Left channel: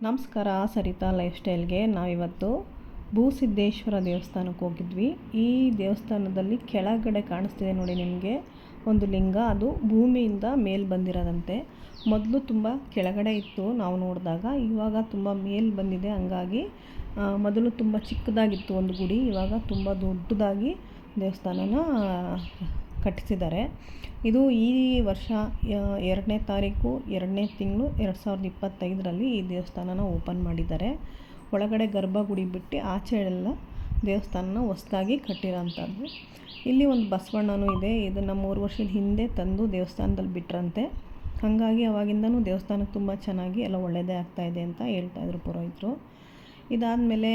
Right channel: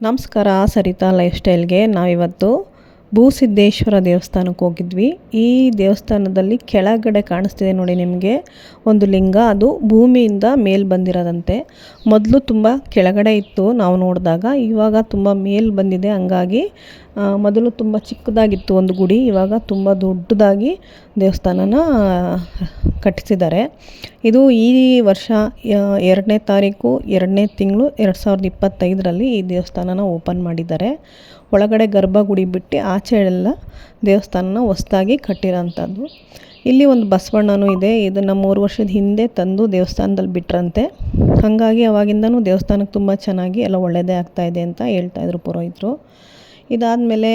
ನಮಸ್ಕಾರ ಸರಿತಾ ಲೈಫ್ ಸ್ಟೈಲ್ಗೆ ನಾವಿವತ್ತು ಭೂಸಿದ್ದೇಶ್ವರ ದೇವಸ್ಥಾನಕ್ಕೆ ಹೋಗಿದ್ವಿ. ಈ ದೇವಸ್ಥಾನದಲ್ಲಿ ಕೆಳಗಡೆ ಕಾಣಿಸ್ತಿದೆ ನೋಡಿ ನಿಮಗೆ ಒಂದು ಲಿಂಗ. ಅದು ಭೂಮಿಯಿಂದ ಮೇಲ್ ಬಂದಿರೋದಂತೆ. ಮೊದಲು ತುಂಬ ಕೆಳಗಡೆ ಇತ್ತು ನಾವು ನೋಡಿದಾಗ. ಇವಾಗ ತುಂಬ ಮೇಲ್ ಬಂದಿದೆ. ಹಂಗಾಗಿ ಮೊದಲು ತುಂಬ ಚಿಕ್ಕದಾಗಿತ್ತು ಒಂದು ಗುಡಿ. ಇವಾಗ ತುಂಬ ದೊಡ್ಡದಾಗಿ ದೇವಸ್ಥಾನನ ಕಟ್ಟಿಸಿದ್ದಾರೆ. ಇದು ಈ ವರ್ಷ ಎರಡನೇ ತಾರೀಕು, ಎರಡನೇ ತಿಂಗಳು, ಎರಡು ಸಾವಿರದ ಇಪ್ಪತ್ತೈದರಲ್ಲಿ ಈ ದೇವಸ್ಥಾನನ ಓಪನ್ ಮಾಡಿದ್ದಾರೆ. ಒಳಗಡೆ ಗರ್ಭಗುಡಿ ಬಿಟ್ಟು ಆಚೆ ಎಲ್ಲ ದೇವಸ್ಥಾನನ ಹೊಸ್ದಾಗಿ ಕಟ್ಟಿರೋಂಥದ್ದು. ಇಲ್ಲಿ ಒಂದು ಬಸವಣ್ಣನೂ ಇದೆ. ಇದನ್ನು ಮೂರು ವರ್ಷದ ಹಿಂದೆ ತಂದು ದೇವಸ್ಥಾನದಲ್ಲಿ ಬಿಟ್ರಂತೆ. ಹಾಗಾಗಿ ಅವಾಗಿಂದನೂ ದೇವಸ್ಥಾನಕ್ಕೆ ತುಂಬ ಚೆನ್ನಾಗಿ ಎಲ್ಲ ಒಳ್ಳೆಯದೇ ಆಗ್ತಾಯಿದೆ ಅಂತ ಹೇಳ್ತಾಯಿದ್ರು ಪುರೋಹಿತರು. ಇದಾದಮೇಲೆ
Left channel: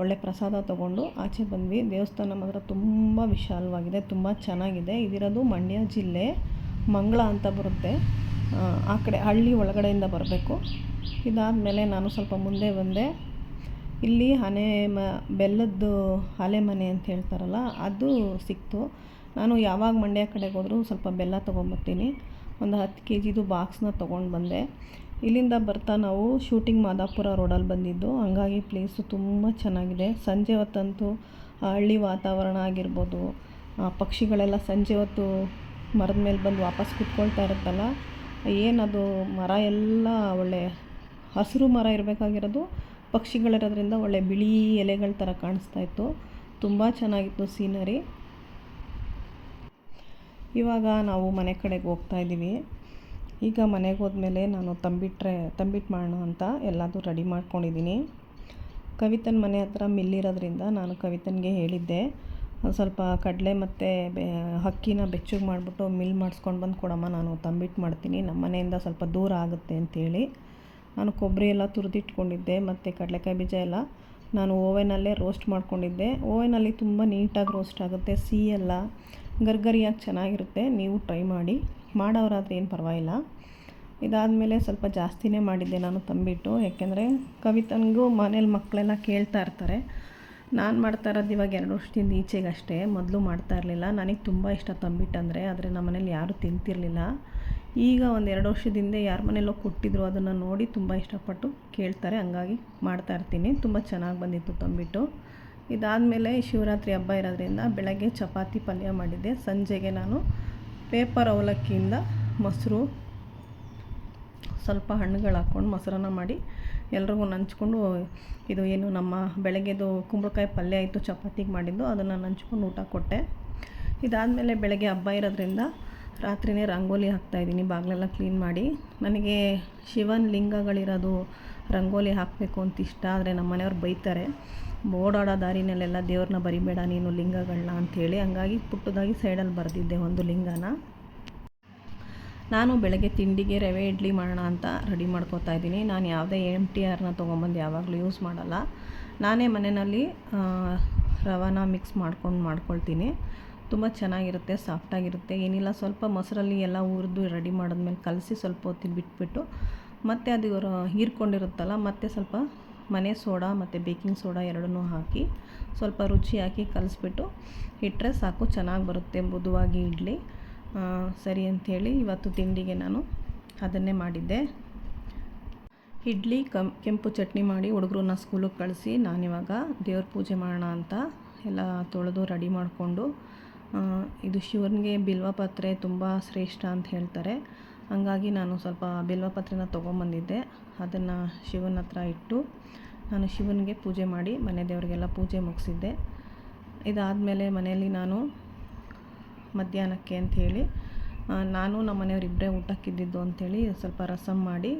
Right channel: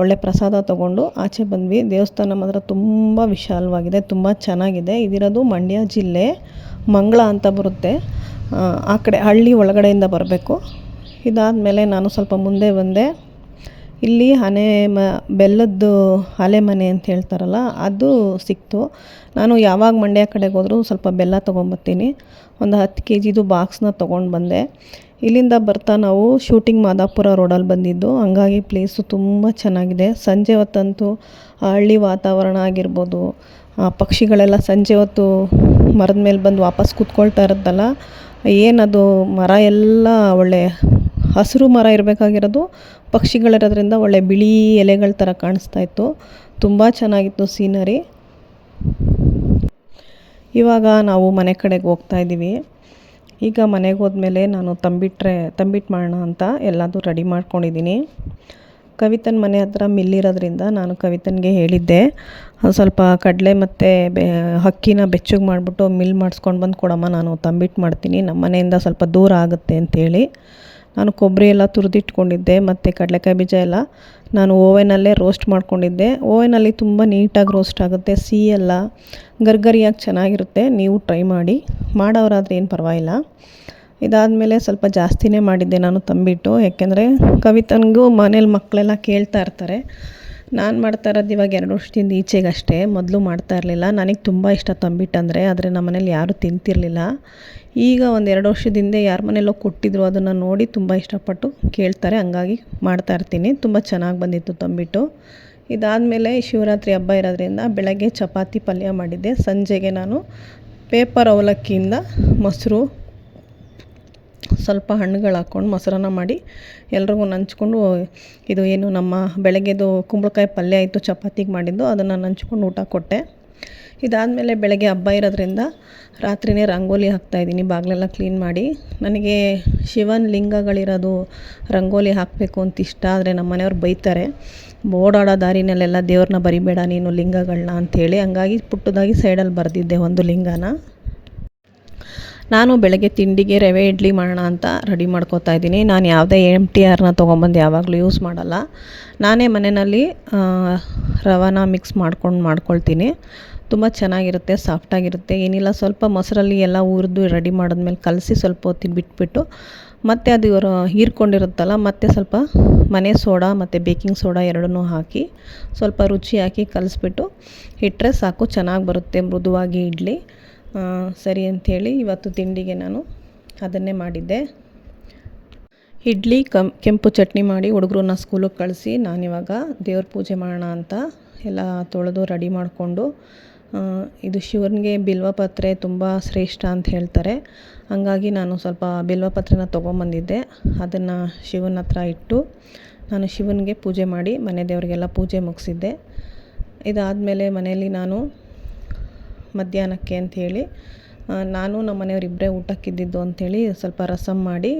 ಒಳ್ಳೆ ಪ್ರಸಾದ ತಗೊಂಡು ಆಚೆ ಬಂದ್ವಿ. ದೇವಸ್ಥಾನ ಮಾತ್ರ ತುಂಬ ವಿಶಾಲವಾಗಿದೆ, ತುಂಬ ಚೆನ್ನಾಗಿದೆ. ಇದಿರೋದು ಮಂಡ್ಯ ಜಿಲ್ಲೆ, ಮಂಗಳ ಅಂತ ಬರುತ್ತೆ. ಆ ಕಡೆ ಹಳ್ಳಿ ಒಳಗಡೆಯಿಂದ ಬರಬೇಕು. ಇದಾದ ಮೇಲೆ ನಾನು ಸ್ವಲ್ಪ ಮುಂದೆ ಬಂದೆ. ಇಲ್ಲಿ ಹನೆ ಮ, ಬೆಲ್ಲದ್ದು ಆಲೆ ಮನೆ ಅಂತ ಹೇಳ್ತಾರಲ್ಲ, ಅದು ಸಿಕ್ತು. ನಾನು ಯಾವಾಗ ಮಂಡ್ಯ ಕಡೆಗೆ ಹೋದರೂ ಸ್ವಲ್ಪ ಬೆಲ್ಲ ತೊಗೊಂಬರ್ತೀನಿ. ಒಂದು ಹತ್ತು ಕೆ ಜಿದು ಬಾಕ್ಸ್ನ ತೊಗೊಂಡು ಬಂದೆ. ಇಲ್ಲಿಂದ ಬರ್ತಾ ನಾವು ಶೂಟಿಂಗ್ ಮಾದಾಪುರ ರೋಡಲ್ಲಿ ಬಂದಿದ್ದು. ಹಂಗಾಗಿ ಪ್ಲೇಸು ತುಂಬ ಚೆನ್ನಾಗಿದೆ. ಸಂಜೆ ಹೊತ್ತಂತೂ ಹಳ್ಳಿ ವಾತಾವರಣ ಆಗಿರ್ಬೋದು ಪಕ್ಷಿಗಳೆಲ್ಲ ಸಂಜೆ ಹೊತ್ತು ಮರದ ಮೇಲೆ ಬಂದು ವಾಪಸ್ ಕೂತ್ಕೊಳ್ತಾ ಇರುತ್ತಲ್ಲ, ಏನದು ಮರ ಎಲ್ಲ ಒಳ್ಳೆ ಹಸಿರು ಮರ ಇರಬೇಕಾಗಿರೋದು ಪಕ್ಷಿಗಳಿರೋದ್ರಿಂದ ಒಳ್ಳೆ ಬಿಳಿ ಎಲೆಗಳ ಥರ ಕಾಣಿಸ್ತಾ ಇತ್ತು. ತುಂಬ ಚೆನ್ನಾಗಿತ್ತು ಸೀನರಿ. ಇವಾಗ ನಾವು ಮನೆ ಕಡೆಗೆ ಹೋಗ್ತಾ ಇದ್ದೀವಿ. ಈಗ ಮನೆಗೆ ಹೋದ್ಮೇಲೆ ನಾನು ತಂಬಿಟ್ರೆ ತಂಬಿಟ್ಟು ಮಾಡೋಣ ಅಂತ ಎಲ್ಲದೂ ರೆಡಿ ಮಾಡ್ಕೊಂಡಿದ್ದೀನಿ. ಕವಿತನ ಮನೆ ಹತ್ರ ಮಿಲ್ಲಿರೋದ್ರಿಂದ ನಾನು ಕವಿತನಿಗೆ ಹೇಳಿದ್ದೆ. ಸ್ವಲ್ಪ ಕಡಲೆ ಮತ್ತು ಬೆ, ಹಕ್ಕಿನ ಬೆಚ್ಚಗೆ ಮಾಡಿಬಿಟ್ಟು ಮಿಲ್ ಮಾಡಿಸ್ಕೊಂಡು ಬಂದು ಕೊಡಮ್ಮ, ನಾನು ತಂಬಿಟ್ಟು ಮಾಡ್ತೀನಿ. ನಮ್ಮ ಮನೆಯಿಂದ ಸ್ವಲ್ಪ ದೂರ ಆಗುತ್ತೆ ಅಂತೇಳಿ. ನಾನು ಕೊಬ್ಬರಿ ಎಲ್ಲ ತುರಿದಿಟ್ಕೊಂಡಿದ್ದೆ, ಮತ್ತು ಕಡಲೆಕಾಯಿ ಬೀಜ ಎಲ್ಲ ನಾನು ಓವೆನಲ್ಲೇ ರೋಸ್ಟ್ ಮಾಡ್ಕೊಂಡಿದ್ದೆ. ಓವೆನಲ್ಲಿ ತುಂಬ ನೀಟಾಗಿ ರೋಸ್ಟ್ ಆಗುತ್ತೆ ಸಿಹಿಯಲ್ಲ ಗರ್ಗರಿಯಾಗಿ ಚೆನ್ನಾಗಿರುತ್ತೆ, ನೀವು ಟ್ರೈ ಮಾಡಿ. ಮಾಡೋರಾದರೆ ಏನು ಪರವಾಗಿಲ್ಲ. ಇದಾದಮೇಲೆ ಸ್ವಲ್ಪ ಜಾಸ್ತಿನೇ ಮಾಡಿದ್ದೆ ನಾನು ತಂಬಿಟ್ಟು, ಯಾಕೆಂದರೆ ಕವಿತನಿಗೂ ಮನೇಲಿ ಮಕ್ಕಳೆಲ್ಲ ಕೇಳ್ತಾ ಇರ್ತಾರೆ. ನಾನು ಮಾಡ್ತಾ ಇರೋದು ಇವಾಗ ಎರಡು ವರ್ಷದಿಂದ ಈಚೆಗಷ್ಟೇ, ಮೊದಲು ಮಾಡ್ತಾ ಇರಲಿಲ್ಲ. ನನಗೆ ತುಂಬ ಇಷ್ಟ ತಂಬಿಟ್ಟು ಅಂದರೆ ಆದರೆ ನಮ್ಮ ಮನೇಲಿ ಯಾರೂ ತಿಂತಿರಲಿಲ್ಲ. ಈಗ ಒಂದು ಎರಡು ವರ್ಷದಿಂದ ಯಾರ ಮನೆಯಲ್ಲೋ ಕೊಟ್ಟಿದ್ರು, ಅದನ್ನು ನೋಡಿ ತುಂಬ ಇಷ್ಟಪಟ್ಟು ಕೇಳ್ತಾರೆ, ಹಂಗಾಗಿ ಮಾಡ್ತಾಯಿರ್ತೀನಿ ತುಂಬ ಚೆನ್ನಾಗಿ ಬಂದಿತ್ತು ತಂಬಿಟ್ಟು. ಇದಾದಮೇಲೆ ಶಿವರಾತ್ರಿ ಹಬ್ಬ ಇರೋದ್ರಿಂದ ಬೆಳಗ್ಗೆ ಚಪಾತಿ ಪಲ್ಯ ಮಾಡಿದ್ದೆ. ಸಂಜೆಗೆ ನಾನು ಪೇಪರ್ ಅವಲಕ್ಕಿಯಿಂದ ಮೊಸರು, ಸ್ವಲ್ಪ ಹಣ್ಣುಗಳು ಹಾಕ್ಕೊಂಡು ಮೊಸರನ್ನ ಮಾಡಿ ಎಲ್ರಿಗೂ ನಂಚ್ಕೊಂಡು, ಇದು ಏನು ನಮ್ಮ ಬೆಳಗ್ಗೆದು ಕುಂಬಳಕಾಯಿ ಪಲ್ಯ ಇತ್ತು ಚಪಾತಿಗೆ ಮಾಡಿದ್ದು, ಅದನ್ನು ನಂಚ್ಕೊಂಡು ಊಟ ಕೊಟ್ಟೆ. ಇದಾದಮೇಲೆ ಬೆಳಗ್ಗೆ ಹಬ್ಬ ಇರೋದ್ರಿಂದ ರಾತ್ರಿಯೇ ರಂಗೋಲಿ ಹಾಕ್ತಾಯಿದ್ದೀನಿ ಬಾಗಿಲೆಲ್ಲ ಕ್ಲೀನ್ ಮಾಡಿ. ನನಗೆ ಶಿವನ ಲಿಂಗಗಳಿರೋದು ರಂಗೋಲಿ ಹಾಕಬೇಕು ಅಂತ ಇಷ್ಟ, ಆದರೆ ನಮ್ಮ ಮನೆಯವ್ರು ಬೈತಾರೆ. ಓಡಾಡೋ ದಾರಿನಲ್ಲೆಲ್ಲ ದೇವ್ರನ್ನ ಬರಿಬೇಡ ನೀನು ಲಿಂಗಗಳನ್ನ ಅಂಥೇಳಿ ಹಂಗಾಗಿ ಪುಟ್ಟದಾಗಿ ಸೈಡಲ್ಲಿ ಬರೆದಿದ್ದೆ ಒಂದು ಲಿಂಗನ. ನಾನು ಬೆಳಗ್ಗೆ ತಿಂಡಿಗೆ ರವೆ, ಇಡ್ಲಿ ಮಾಡೋಣ ಅಂತ ರೆಡಿ ಮಾಡ್ಕೋತಾ ಇದ್ದೀನಿ. ನಾನು ಯಾವುದೇ ಎಂ ಟಿ ಆರ್ನ ತೊಗೊಂಬಂದು ಯಾವಾಗಲೂ ಯೂಸ್ ಮಾಡಲ್ಲ. ನಾನೇ ಮನೆಯಲ್ಲಿ ರವಾನ ಮಿಕ್ಸ್ ಮಾಡ್ಕೊಂಡು ಮಾಡ್ಕೊಳ್ತೀನಿ. ತುಂಬ ಚೆನ್ನಾಗಿರುತ್ತೆ, ಸಾಫ್ಟಾಗಿರುತ್ತೆ. ಏನಿಲ್ಲ, ಸ್ವಲ್ಪ ಮೊಸರಲ್ಲಿ ಎಲ್ಲ ಹುರಿದು ರೆಡಿ ಮಾಡಿದ್ಮೇಲೆ ಕಲಸಿ ಸ್ವಲ್ಪ ಹೊತ್ತಿಗೆ ಬಿಟ್ಬಿಟ್ಟು ಮತ್ತು ಅದು ಇವರು ಹೀರ್ಕೊಂಡಿರುತ್ತಲ್ಲ, ಮತ್ತು ಸ್ವಲ್ಪ ಮನೆ ಸೋಡಾ ಮತ್ತು ಬೇಕಿಂಗ್ ಸೋಡಾ ಎರಡನ್ನೂ ಹಾಕಿ ಸ್ವಲ್ಪ ರುಚಿ ಹಾಕಿ ಕಲಿಸ್ಬಿಟ್ಟು ಇಟ್ಟರೆ ಸಾಕು, ಚೆನ್ನಾಗಿ ಬರುತ್ತೆ ಮೃದುವಾಗಿ ಇಡ್ಲಿ. ಸರಿ ಅಂಥೇಳಿ ಇವತ್ತು ತಿಂಡಿಗೆ ನಾನು ಅದನ್ನೇ ಮಾಡಿದ್ದೆ. ಇಡ್ಲಿ, ಕಂ, ಕೆಂಪು ಚಟ್ನಿ ಮಾಡಿ ಹುಡುಗರನ್ನ ಸ್ಕೂಲಿಗೆ ಕಳಿಸಿ ನಾನಿವಾಗ ದೇವ್ರ ಪೂಜೆ ಮಾಡೋಣ ಅಂತ ಎಲ್ಲ ತೊಳೆದು ರೆಡಿ ಮಾಡಿಕೊಂಡು ಇದು ಶಿವನಿಗೆ ಬಿಲ್ವಪತ್ರೆ ತುಂಬ ಶ್ರೇಷ್ಠ ಅಂತ ಹೇಳ್ತಾರೆ. ಹಾಗಾಗಿ ನಾನು ಸ್ವಲ್ಪ ಬಿಲ್ವಪತ್ರೆನ ತೊಗೊಂಬಂದಿದ್ದೆ. ಅದನ್ನು ಶಿವನ ಹತ್ರ ಇಟ್ಟು ನಾನು ಶಿವನಿಗೆ ಪೂಜೆ ಮಾಡಿ ಮನೆ ದೇವರಿಗೆಲ್ಲ ಪೂಜೆ ಮುಗಿಸಿದ್ದೆ. ಇದಾದಮೇಲೆ ಮನೆಯಲ್ಲಿ ನಾನು ಮಧ್ಯಾಹ್ನಕ್ಕೆ ಅಂಥೇಳಿ ನಾನು ನಮ್ಮ ಮನೆಯವ್ರು ಇಬ್ಬರೇ ಊಟಕ್ಕಿದ್ದಿದ್ದು ಅಂಥೇಳಿ ಸ್ವಲ್ಪ ರಸಮ್ ಮಾಡಿ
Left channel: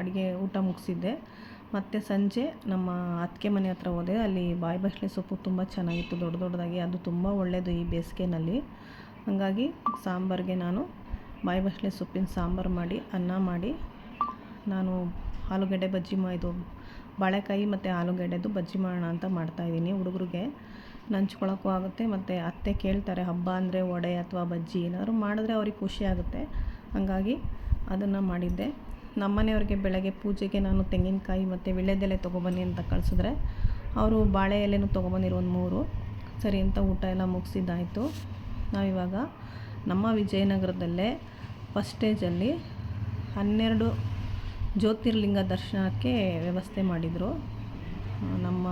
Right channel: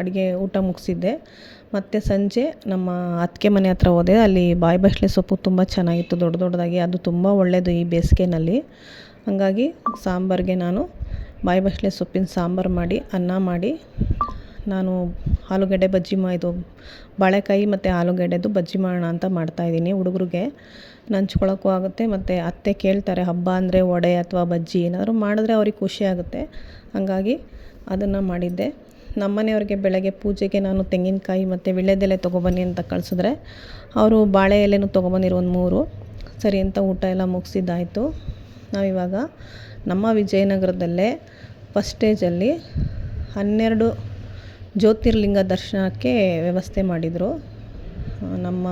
ಅಡುಗೆ ಊಟ ಮುಗಿಸಿದ್ದೆ. ಮತ್ತು ಸಂಜೆ ನಮ್ಮ ಅತ್ತಿಗೆ ಮನೆ ಹತ್ರ ಹೋದೆ. ಅಲ್ಲಿ ಬಾಯಿ ಬಸಳೆ ಸೊಪ್ಪು ತುಂಬ ಚೆನ್ನಾಗಿತ್ತು, ದೊಡ್ಡ ದೊಡ್ಡದಾಗಿ. ಅದು ತುಂಬ ಒಳ್ಳೆಯದು ಈ ಬೇಸಿಗೆನಲ್ಲಿ. ಹಾಗಾಗಿ ಸಾಂಬಾರಿಗೆ ನಾನು ಬಾಯಿ ಬಸಳೆ ಸೊಪ್ಪಿನ ಸಾಂಬಾರು ಮಾಡಿ, ಅನ್ನ ಮಾಡಿ, ನಾನು ಆಲೂಗಡ್ಡೆ ಬಜ್ಜಿ ಮಾ ಇದು ಬಾಳೆಕಾಯಿ ಮತ್ತು ಆಲೂಗಡ್ಡೆದು ಬಜ್ಜಿ ಮಾಡೋಣ ಅಂತ ಮಾಡ್ತಾಯಿದ್ದೀನಿ ಹುಡುಗರಿಗೆ. ನಂಚ್ಕೊಳ್ಳೋಕ್ಕೂ ಆಗುತ್ತೆ ಮತ್ತು ಅತ್ತೆ ಕೇಳ್ತಾರೆ, ಹಬ್ಬ ಅಂದರೆ ವಡೆ ಅಥವಾ ಬಜ್ಜಿ ಏನಾದರೂ ಮಾಡಿದ್ರೆ ಅವ್ರಿಗೆ ಖುಷಿ ಆಗುತ್ತೆ. ಹಾಗಾಗಿ ಅದನ್ನು ಮಾಡಿದ್ದೆ. ನಮ್ಮ ಮನೆಯವ್ರಿಗೆ ಬೆಳಗ್ಗೆ ಪೂಜೆಗೆ ನಾನು ತೆಂಗಿನಕಾಯಿ ಮತ್ತು ವೀಳ್ಯದೆಲೆ ತೊಗೊಬನ್ನಿ ಅಂತ ಕಳಿಸಿದ್ರೆ ಅವರು ಬಾಳೆ ಎಲೆನೂ ತೊಗೊಬಂದಿರು ಒಂದು ಮೂರು. ಸರಿ ಅಂತ ಊಟ ಎಲ್ಲ ಮುಗಿಸಿದ್ದಾಯಿತು. ನಾವಿವಾಗ ನಮ್ಮ ವಿಜಯನಗರದಲ್ಲೇ ಫಸ್ಟ್ ಸ್ಟೇಜಲ್ಲಿ ಹನ್ನೆರಡು ಜ್ಯೋತಿರ್ಲಿಂಗ ದರ್ಶನಕ್ಕೆ ವ್ಯವಸ್ಥೆ ಮಾಡಿದರು. ನಮ್ಮ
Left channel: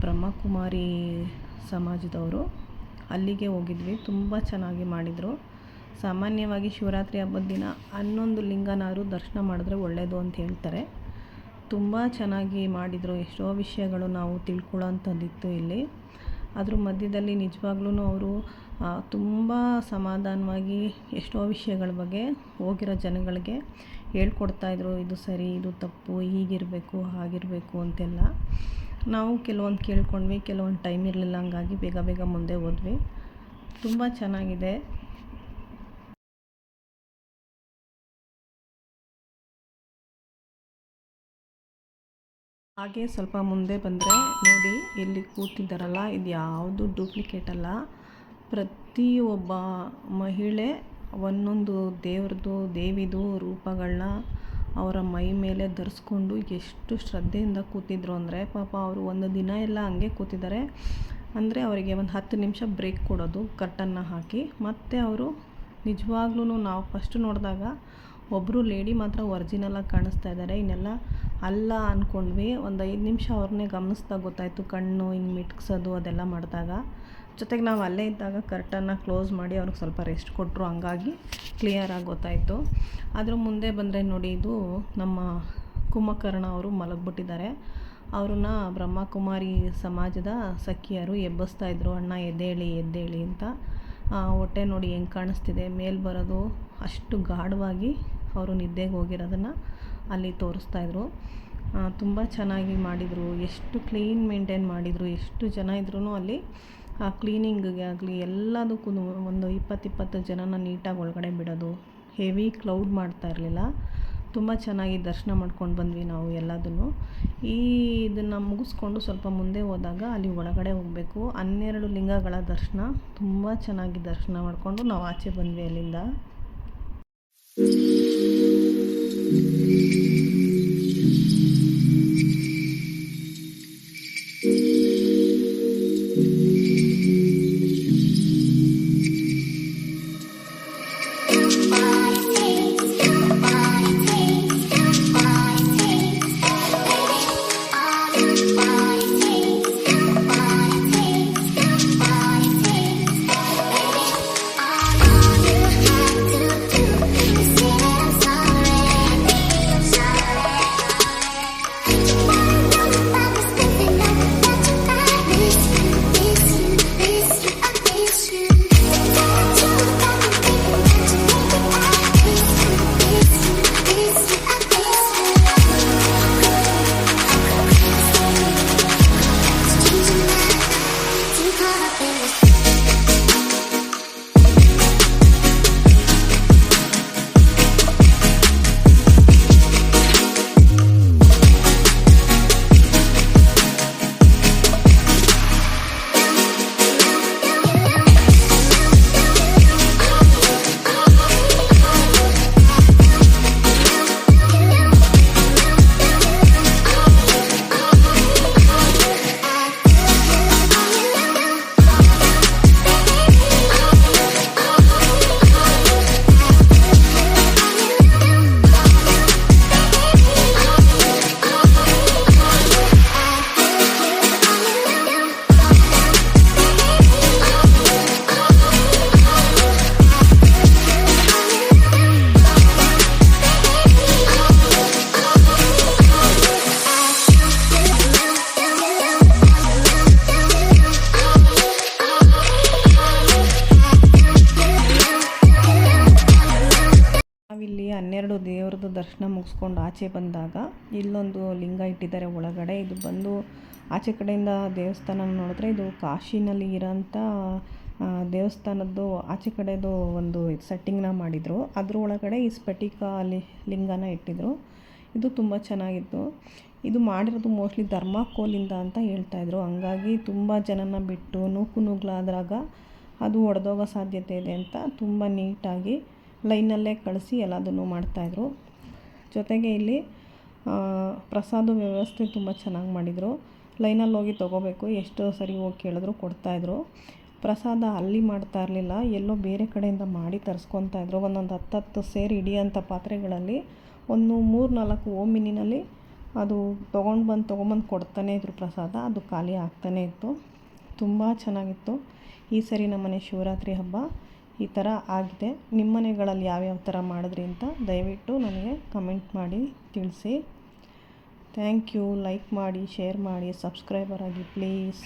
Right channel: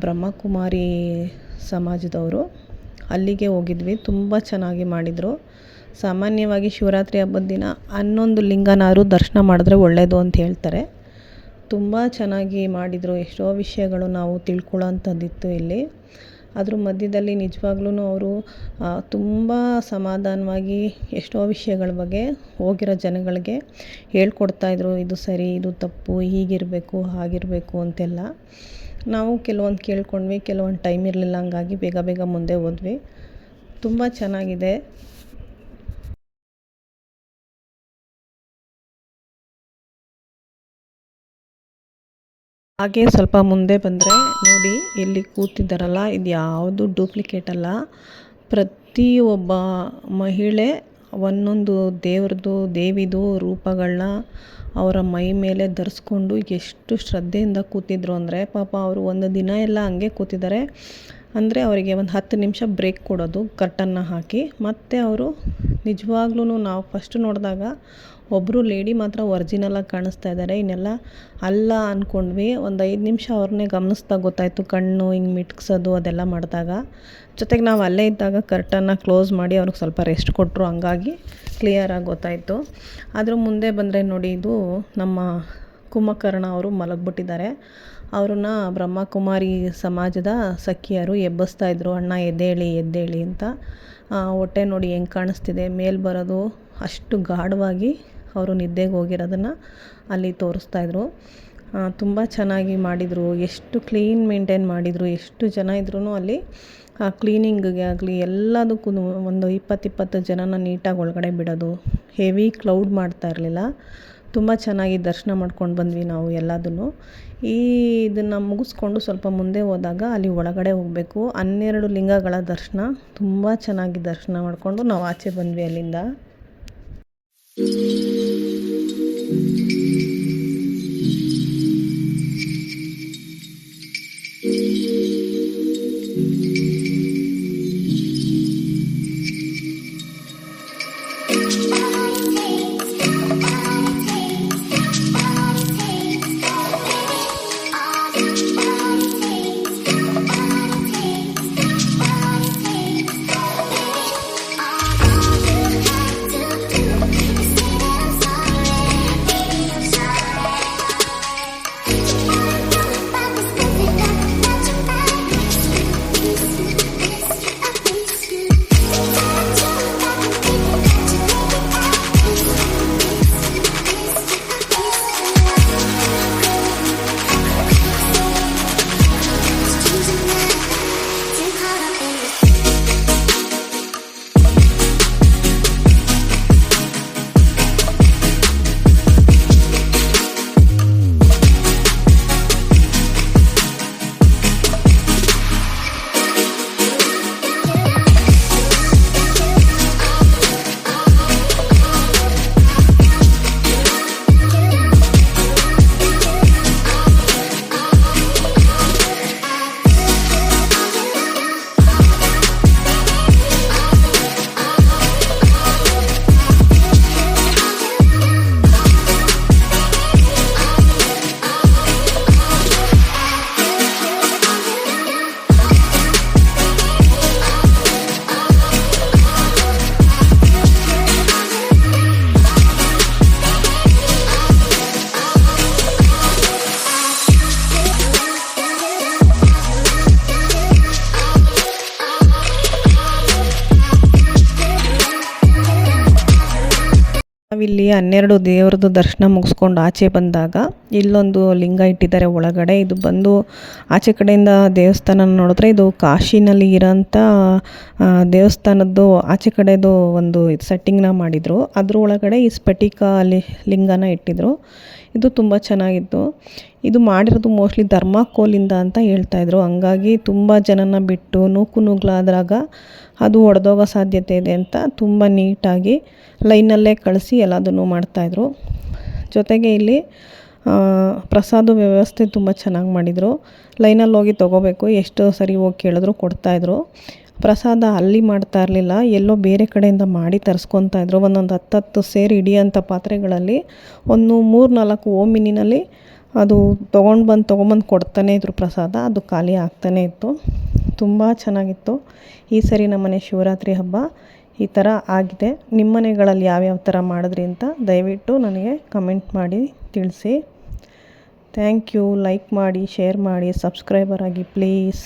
ಬ್ರಹ್ಮಕುಮಾರಿ ಸಮಾಜದವರು ಅಲ್ಲಿಗೆ ಹೋಗಿದ್ವಿ. ತುಂಬ ಚೆನ್ನಾಗಿ ಮಾಡಿದರು. ಸಾಮಾನ್ಯವಾಗಿ ಶಿವರಾತ್ರಿ ಹಬ್ಬದ ದಿನ ಹನ್ನೊಂದು ಲಿಂಗನಾರು ದರ್ಶನ ಮಾಡಿದ್ರೆ ಒಳ್ಳೆಯದು ಅಂತ ಹೇಳ್ತಾರೆ. ತುಂಬ ಚೆನ್ನಾಗಿ ಮಾಡಿದರು. ಎಷ್ಟೋ ವಿಷಯಗಳು ನಾವು ತಿಳ್ಕೊಳ್ಳೋಂಥದ್ದಿತ್ತು ಇಲ್ಲಿ. ಅದ್ರ ಮಧ್ಯದಲ್ಲಿ ನಿಜವಾಗ್ಲೂ ಅವರು ತುಂಬ ಸಮಾಧಾನವಾಗಿ ಎಷ್ಟೋ ವಿಷಯಗಳ ಬಗ್ಗೆ ಹೋಗಿರೋ ಜನಗಳಿಗೆ ಹೇಳ್ಕೊಡ್ತಾಯಿದ್ರು ಇದು ಸರಿ, ಇದು ತಪ್ಪು, ಹೀಗಿರಬೇಕು, ಹಾಗಿರಬೇಕು ಅಂತೆಲ್ಲ. ನಾವು ಕೆಲವೊಂದು ಕೇಳ್ಕೊಂಡ್ವಿ, ಕೆಲವೊಂದು ಟೈಮ್ ಇರಲಿಲ್ಲ, ಹಂಗಾಗಿ ಬೇಗ ಬೇಗ ಮುಂದೆ ಹೋದ್ವಿ. ತುಂಬ ಚೆನ್ನಾಗಿದೆ. ಹಾಗೆ ಸ್ವಲ್ಪ ಮುಂದೆ ಬಂದರೆ ನೋಡಿ ಇಲ್ಲಿ ಕೂತಿದ್ದಾರಲ್ಲ, ಇದು ಯಾವುದು ಡೂಪ್ಲಿಕೇಟ್ ಅಲ್ಲ. ಪ್ರತಿಯೊಬ್ಬ ಮಹಿಳೆ ಒಂದೊಂದು ದೇವ್ರದ್ದು, ದೇವಿದು ರೂಪಗಳನ್ನ ಅವರ ಮೈ ಮೇಲೆ ಧರಿಸ್ಕೊಂಡು ಎಷ್ಟು ಶ್ರದ್ಧೆಯಿಂದ ಕೂತಿದ್ರು ಅಂದರೆ ಪಾಪ ಅವರು ಒಂದು ದಿನ ಎಲ್ಲ ಹಂಗೆ ಕೂತಿದ್ದಾರೆ. ಅಂದರೆ ಅವರಿಗೆ ಒಂದು ಹತ್ತು ನಿಮಿಷ ಬ್ರೇಕ್ ಕೊಡೋದು ಕರ್ಟನ್ನ ಹಾಕಿ. ಮತ್ತೆ ಅವರು ನಿಜವಾಗ್ಲೂ ನಾವು ಫಸ್ಟ್ ನೋಡಿದಾಗ ಒಬ್ಬರು ಲೇಡಿ ಮಾತ್ರ ಒರ್ಜಿನಲಾಗಿ ಕಾಣಿಸ್ತಾ ಇದ್ದಾರೆ ಇನ್ನೆಲ್ಲ ಅಲ್ಲ ಅಂದ್ಕೊಂಡ್ವಿ ಒಂದು ಐದು ನಿಮಿಷ ಅವ್ರನ್ನೇ ಗಮನಿಸ್ದಾಗ ಗೊತ್ತಾಯಿತು ಕಣ್ಣು, ಹಿಂಗೆ ಮಿಟ್ಕ್ಸೋದು ಅದೆಲ್ಲ ಮಾಡಿದಾಗ. ಜೊತೆಗೆ ನಾವು ಅಲ್ಲೇ ಇದ್ದಾಗ ಕರ್ಟನ್ನ ಕ್ಲೋಸ್ ಮಾಡಿ ಅವ್ರಿಗೆ ಸ್ವಲ್ಪ ರೆಸ್ಟ್ ಕೊಟ್ಟರು ಹಂಗಾಗಿ ಕ್ಲಿಯರಾಗಿ ಗೊತ್ತಾಯಿತು. ಅದ್ರ ಮುಂದೆ ಬಂದರೆ ನೋಡಿ ಇದು ನಮ್ಮ ಕುಂಭಕರ್ಣ ಅವರು ಮಲಗಿಬಿಟ್ಟಿದ್ದಾರೆ. ಅವ್ರನ್ನ ಬ್ರಹ್ಮಕುಮಾರಿ ಸಮಾಜದ ಸಖಿಯರು ಎಬ್ಬಿಸ್ತಾ ಇದ್ರು. ಅಣ್ಣ, ಎದ್ದೇಳಿ ಎದ್ದೇಳಿ ಅಂತ. ಹೊಟ್ಟೆ ನೋಡಿ ಹೆಂಗೆ ಕಾಣಿಸ್ತಿದೆ. ಮೇಲೆ ಬರೋದು ಅಷ್ಟು ಗಾಢವಾಗಿ ಅವರು ನಿದ್ದೆಗೆ ಹೋಗಿರೋದನ್ನು ಅಲ್ಲಿ ತೋರಿಸ್ತಾ ಇದ್ರು. ತುಂಬ ಚೆನ್ನಾಗಿ ಮಾಡಿದರು. ಎಷ್ಟು ಕ್ಲೀನ್ ಮೇಂಟೈನ್ ಮಾಡಿದರು. ಎಷ್ಟು ಜನ ಇದ್ರೂ ಅಲ್ಲಿ, ಆ, ಕ್ಲೀನಿಂಗಿಗೆ ಆಗಲಿ ಎಲ್ಲದಕ್ಕೂ ಒಂದು ಇಪ್ಪತ್ತಿಪ್ಪತ್ತು ಇಪ್ಪತ್ತು ಜನನ ನೀಟಾಗಿ ಒಳಗಡೆ ಬಿಡೋದು. ಹೆವಿ ಕ್ಲೌಡ್ ಮಾಡ್ತಾ ಇರಲಿಲ್ಲ. ತುಂಬ ಚೆನ್ನಾಗಿ ದರ್ಶನ ಮಾಡ್ಕೊಂಡು ಬಂದ್ವಿ ನಾವು ಎಲ್ಲದನ್ನು. ಈ ಇದನ್ನು ಮುಗಿಸ್ಕೊಂಡು ಸ್ವಲ್ಪ ಮುಂದೆ ಹೋದಾಗ ಅಲ್ಲಿ ಒಳಗಡೆ ಹೋಗಬೇಕು. ಹನ್ನೆರಡು ಲಿಂಗಗಳ ದರ್ಶನ. ತುಂಬ ಚೆನ್ನಾಗಿ ದರ್ಶನ ಮಾಡಿಕೊಂಡು ನಾವು ಆಚೆ ಬಂದ್ವಿ ಅಲ್ಲಿಂದ. ನಾವಿಲ್ಲಿ ಹನ್ನೆರಡು ದೇವ್ರದ್ದು ದರ್ಶನ ಮುಗಿಸ್ಕೊಂಡು ಆಚೆ ಬಂದಾಗ ಇಲ್ಲೊಂದು ಲಿಂಗ ಇಟ್ಟಿದ್ದಾರೆ ಒಳಗಡೆ. ಇದು ಬಂದು ಆಚೆ ಕಡೆಯಿಂದ ದೇವಸ್ಥಾನ ನೋಡಿದ್ರೆ ಇದು ಕಾಶಿನಲ್ಲಿ ಇರೋಂಥ ದೇವಸ್ಥಾನದ್ದು ಆಚೆ ಕಡೆದು ಒಂದು ಇದು ಸೆಟ್ಟಿಂಗ್ನ ಮಾಡಿದರು. ಅದ್ರ ಒಳಗಡೆ ಈ ಸ್ಫಟಿಕ ಲಿ, ಲಿಂಗನ ಇಟ್ಟಿದ್ರು. ಇದು ತುಂಬ ಚೆನ್ನಾಗಿತ್ತು. ಇದು ಮಾಡಿರೋದು ಮೋಸ್ಟ್ಲಿ ಧರ್ಮಾಕೋಲಿಂದ ಅಂತ ಹೇಳ್ತಾಯಿದ್ರು ಹಂಗಾಗಿ ತುಂಬ ಜನನ ಬಿಟ್ಟು ನೂಕು ನುಗ್ಲಾದಾಗ ಅದು ಒಡೆದೋಗೋ ಸಾಧ್ಯತೆ ಇದೆ ಅಂತ ತುಂಬ ನೀಟಾಗಿ ಲೈನಲ್ಲೇ ಕಳಿಸಿ ಎಲ್ಲದನ್ನು ಮಾಡ್ತಾಯಿದ್ರು. ಜೊತೆಗೆ ಇಲ್ಲಿ ಪ್ರಸಾದ ವ್ಯವಸ್ಥೆ ತುಂಬ ಚೆನ್ನಾಗಿ ಮಾಡಿದರು. ಲೈನಲ್ಲಿ ಹೋಗಿ ತೊಗೋಬೇಕು, ಎಷ್ಟು ಸರಿ ಹೋಗಿ ಕೇಳಿದ್ರು ಕೊಡ್ತಾಯಿದ್ರು. ಪ್ರಸಾದ ಅಲ್ಲಿ ಮಾಡ್ತಾ ಇರಲಿಲ್ಲ, ಎಲ್ಲೋ ಬೇರೆ ಕಡೆಯಿಂದ ಮಾಡಿ ತರಿಸ್ಕೊತಾ ಇದ್ರು. ಒಂದೊಂದು ಹತ್ತತ್ತು ಸೇರಿ ಹಿಡಿಯೋಂಥ ಪಾತ್ರೆಗಳಲ್ಲಿ ಒಂದು ಮೂರು ನಾಲ್ಕು ಓಮಿನಿನಲ್ಲಿ ಅದು ತೊಗೊಂಡು ಬಂದು, ತೊಗೊಂಬಂದು ಕೊಡ್ತಾನೇ ಇದ್ರು ಪ್ರಸಾದ. ಅದು ಖಾಲಿ ಆಗ್ತಾನೇ ಇತ್ತು. ತುಂಬ ಚೆನ್ನಾಗಿತ್ತು. ಈ ಸರಿ ನಮ್ಮನೆ ಶಿವರಾತ್ರಿ ಹಬ್ಬ ಈ ಥರ ಆಗಿದೆ. ನಿಮ್ಮ ಮನೆಗಳಲ್ಲಿ ಯಾವ್ಯಾವ ಥರ ಮಾಡಿದ್ರಿ ಅಂತ ದಯವಿಟ್ಟು ನನಗೆ ಕಮೆಂಟ್ ಮಾಡಿ ತಿಳಿಸಿ. Thank you. ಲೈಕ್ ಮಾಡಿ, ಶೇರ್ ಮಾಡಿ, ಸಬ್ಸ್ಕ್ರೈಬರ್ ಆಗಿ ಪ್ಲೀಸ್.